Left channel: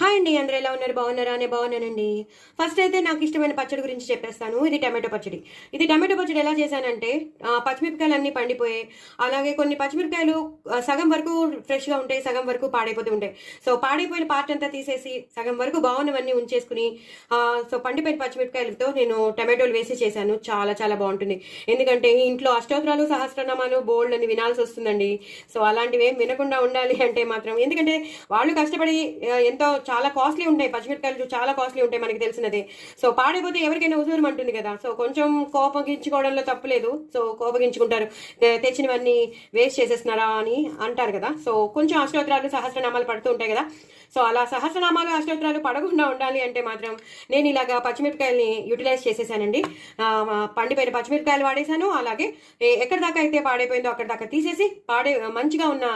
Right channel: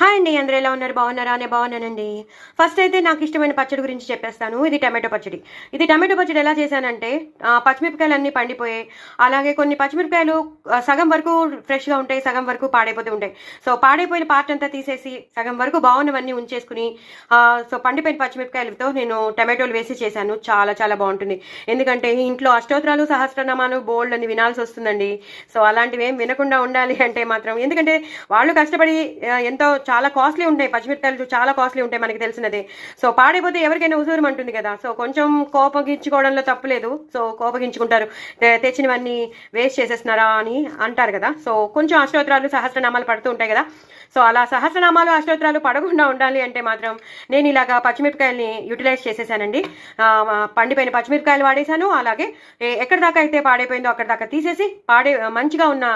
Hi అండి, అందరూ ఎలా ఉన్నారు? బాగున్నారా? నేను బాగున్నానండి. ఫస్ట్ అయితే నాకు ఇష్టమైన పచ్చడి గురించి చెప్పేస్తాను. ఇది టమాటో పచ్చడి. ఇది టమాటో పచ్చడి ఎలా చేశానంటే, పచ్చిమిరపకాయలు అన్నీ పండిపోయాయి. అలాగే కొన్ని పచ్చిమిరపకాయలు సగం వరకు ఫ్రెష్గా ఉంటాయి, సగం వరకు పాడైపోతూ ఉంటాయి. సో పాడైపోయిన పార్ట్ అంతా తీసేసి సగం వరకు బాగున్నవన్నీ ఉంచేసుకుని సో పండిపోయిన పచ్చిమిరపకాయలతో నేను టమాటోలు వేసి చేశాను. చాలా చాలా బాగుంటుంది. ఎందుకంటే ఇంట్లో అష్టోత్తరాలు సహస్రనామాలు బోల్డ్ అని వినాల్సి వస్తుందండి. సో అలాంటివి ఏం వినకుండా ఉండాలి అంటే మాత్రం, ఎందుకంటే వాళ్ళు కష్టపడి ఎంతో చాలా కాస్ట్లీ ఉంటాయి, పచ్చిమిరపకాయలు చాలా కాస్ట్లీ ఉంటాయి, మనకి తెలిసినదే. సో పాడైపోతే ఎవరికైనా ఉసూరమంటుంది కదా. సో కొంచెం కోపగించుకోవడంలో తప్పులేదు. సో కోపగించుకుంటారు, తెచ్చినవన్నీ వేస్ట్ చేసేస్తున్నారా అని అంటారు కదా. సో కొంచెం అష్టోత్తరాలు సహస్రనామాలు పడుతూ ఉంటాయి కదా. సో అలా సహస్రనామాలు అష్టోత్తరాలు పడకుండా ఉండాలి అంటే మాత్రం నేను ఇలాగా పచ్చిమిరపకాయలని యూటిలైజ్ చేసేసానండి. పండిపోయిన పచ్చిమిరపకాయలు వాడేశాను. అలాగే ఎక్కడి దాకా అయితే పాడైపోయిందో అక్కడి దాకా తీసేసి మంచిగా ఉన్న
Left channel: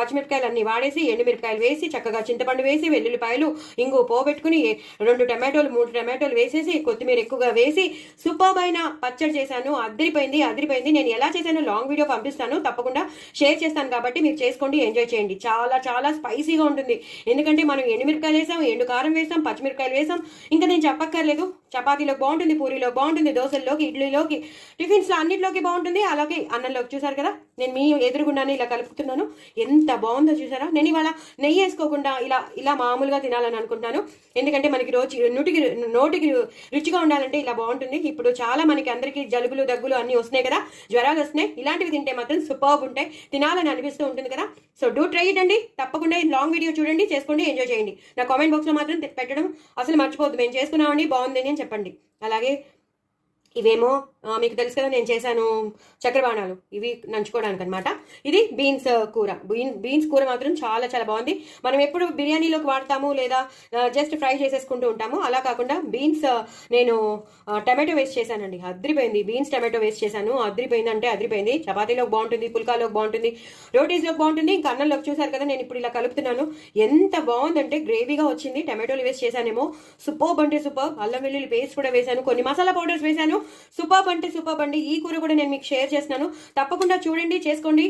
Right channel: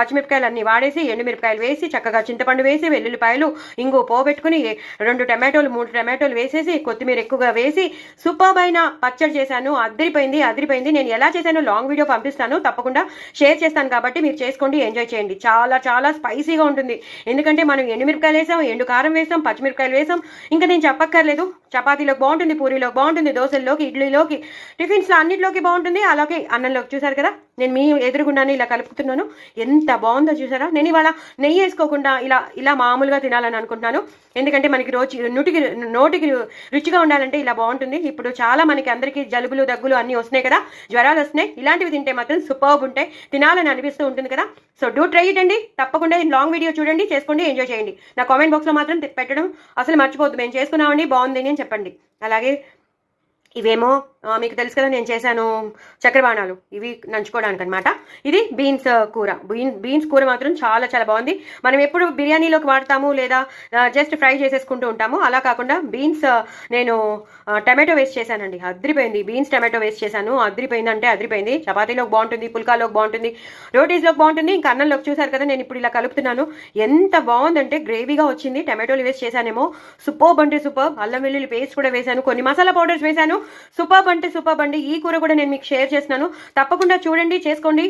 పచ్చిమిరపకాయలు అన్నీ వాడేసి ఎండుమిరపకాయలు వేసి చక్కగా చింతపండు వేసి వెల్లుల్లిపాయలు ఇంగు పోబెట్టుకుని 2 టమాటోలు 3 టమాటోలు వేసేసి కొత్తిమీర ఎక్కువగా వేసి సూపర్బ్ అయిన పచ్చడి చేశాను. అదిరిపోయింది. నేను ఎలా చేశానో లాంగ్ వీడియో పంపిస్తాను, తప్పకుండా షేర్ చేస్తాను. కాబట్టి మీరు చేసుకోండి, ఎంజాయ్ చేయండి. చాలా చాలా స్పైసీగా ఉంటుంది. ఎందుకంటే మనం ఎండుమిరపకాయలు వేసాం, ఎండు కారం వేసాం, పచ్చిమిరపకాయలు వేసాం. ఇంకా నేను చెప్పక్కర్లేదు. చపాతీలోకి బాగుంటుంది, పూరీలోకి బాగుంటుంది, దోశల్లోకి, ఇడ్లీలోకి, టిఫిన్స్లో అన్నింటిలోకి బాగుంటుంది. అలాగే అన్నంలోకి. చూసారు కదా, నేను మీ ఎదురుగుండానే ఇలా కలుపుతున్నాను. ఎంత బాగుందో చూసారా. నేను ఇవాళ నెయ్యి వేసుకోకుండా ఇలా మామూలుగా తినాలని అనుకుంటున్నాను. ఎందుకంటే మనకి నోటికి రుచిగా ఉండాలంటే ఇలా బాగుంటుంది. ఇప్పుడు చాలా మనకి అందరికీ జలుబులు దగ్గులు అన్నీ వస్తున్నాయి కదా, జ్వరాలు వస్తున్నాయి. ఇలాంటివి తింటే మాత్రం సూపర్బ్ ఉంటాయి, తినాలని అనిపిస్తూ ఉంటుంది కదా. సో డూ ట్రై ఇట్ అండి. తప్పకుండా లాంగ్ వీడియో చూడండి, చేసుకోండి, ఎంజాయ్ చేయండి. నా కామెంట్ బాక్స్లో మాత్రం పెట్టడం అసలు మర్చిపోద్దు. మేము చేసుకున్నామండి, బాగుంది అని చెప్పండి. అలాగే ఇవేమో మీకు తెలుసు కదా, నేను చేశాను చక్రబాణాలు, ఇవి నంచుకోవడానికి అనమాట. ఇది బీన్స్ కూర. బీన్స్ కూర మాత్రం చాలా చాలా బాగుంది. మనం ఎప్పుడు బిర్యానీలోకి వాడతాము లేదా జస్ట్ ఫ్రై చేసేసుకుంటూ ఉంటాము. అలా కాకుండా బీన్స్ నేను టమాటో వేస్ట్ చేశానండి. అదిరిపోయింది. బీన్స్ టమాటో వేస్ట్ చేశాను. అదిరిపోయింది అంటే అదిరిపోయింది. చపాతీలోకి బాగుంటుంది, పుల్కాలోకి బాగుంటుంది, రోటీస్లోకి బాగుంటుంది, ఇంకా అన్నంలోకి. చూసారు కదా, నేను ఇప్పుడు ఇలా కలుపుతున్నాను. ఎంత బాగుందంటే గ్రేవీగా వచ్చింది. టమాటోలు వేస్ట్ చేశానేమో, సూపర్బ్ అంటే సూపర్బ్. అల్లం వెల్లుల్లి పేస్ట్ కూడా వేశాను, కొన్ని మసాలా పౌడర్స్ వేశాను. సూపర్బ్ అంటే సూపర్బ్ అండి. ఈ కూర కూడా నేను మీకు షేర్ చేస్తున్నాను. తప్పకుండా చూడండి, చేసుకోండి,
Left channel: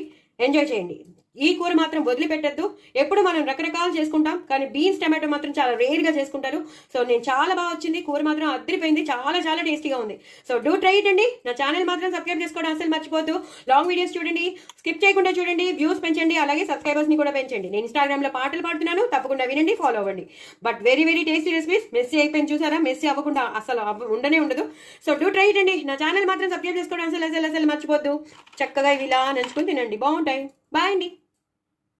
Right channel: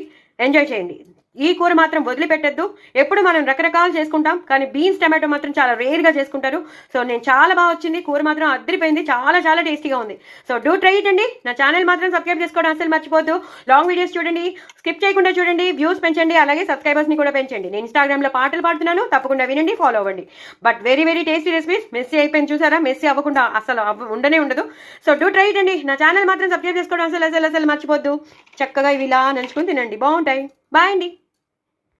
ఎంజాయ్ చేయండి. ఈ కూర మాత్రం వదిలిపెట్టద్దు. ఎప్పుడు మనం రకరకాలు చేసుకుంటాం, కానీ బీన్స్ టమాటో మాత్రం చాలా రేర్గా చేసుకుంటారు. సో నేను చాలా బాగా వచ్చింది. కూర మాత్రం అదిరిపోయింది, చాలా చాలా టేస్టీగా ఉంది. సో డూ ట్రై ఇట్ అండి. నా ఛానల్ మాత్రం సబ్స్క్రైబ్ చేసుకోవడం అసలు మర్చిపోద్దు. లాంగ్ వీడియోస్ చూడండి, స్కిప్ చేయకుండా చూడండి, వ్యూస్ పెంచండి, అలాగే సబ్స్క్రైబర్స్ని కూడా పెంచండి. నేను ఇన్స్టాగ్రామ్లో పాటలు పాడుతున్నాను, తప్పకుండా వినండి, ఫాలో అవ్వండి. But very very tasty recipes. Messy అయిపోయింది చూసారా, మెస్సీ అవ్వకుండా అసలు ఉండనే ఉండదు. సో డూ ట్రై ఇట్ అండి. నా ఛానల్ మాత్రం సబ్స్క్రైబ్ చేసుకోవడం అసలు మర్చిపోద్దు. చక్కగా ఇవి ఇలా నంచుకుని తినండి, బాగుంటాయి. బాయ్ అండి.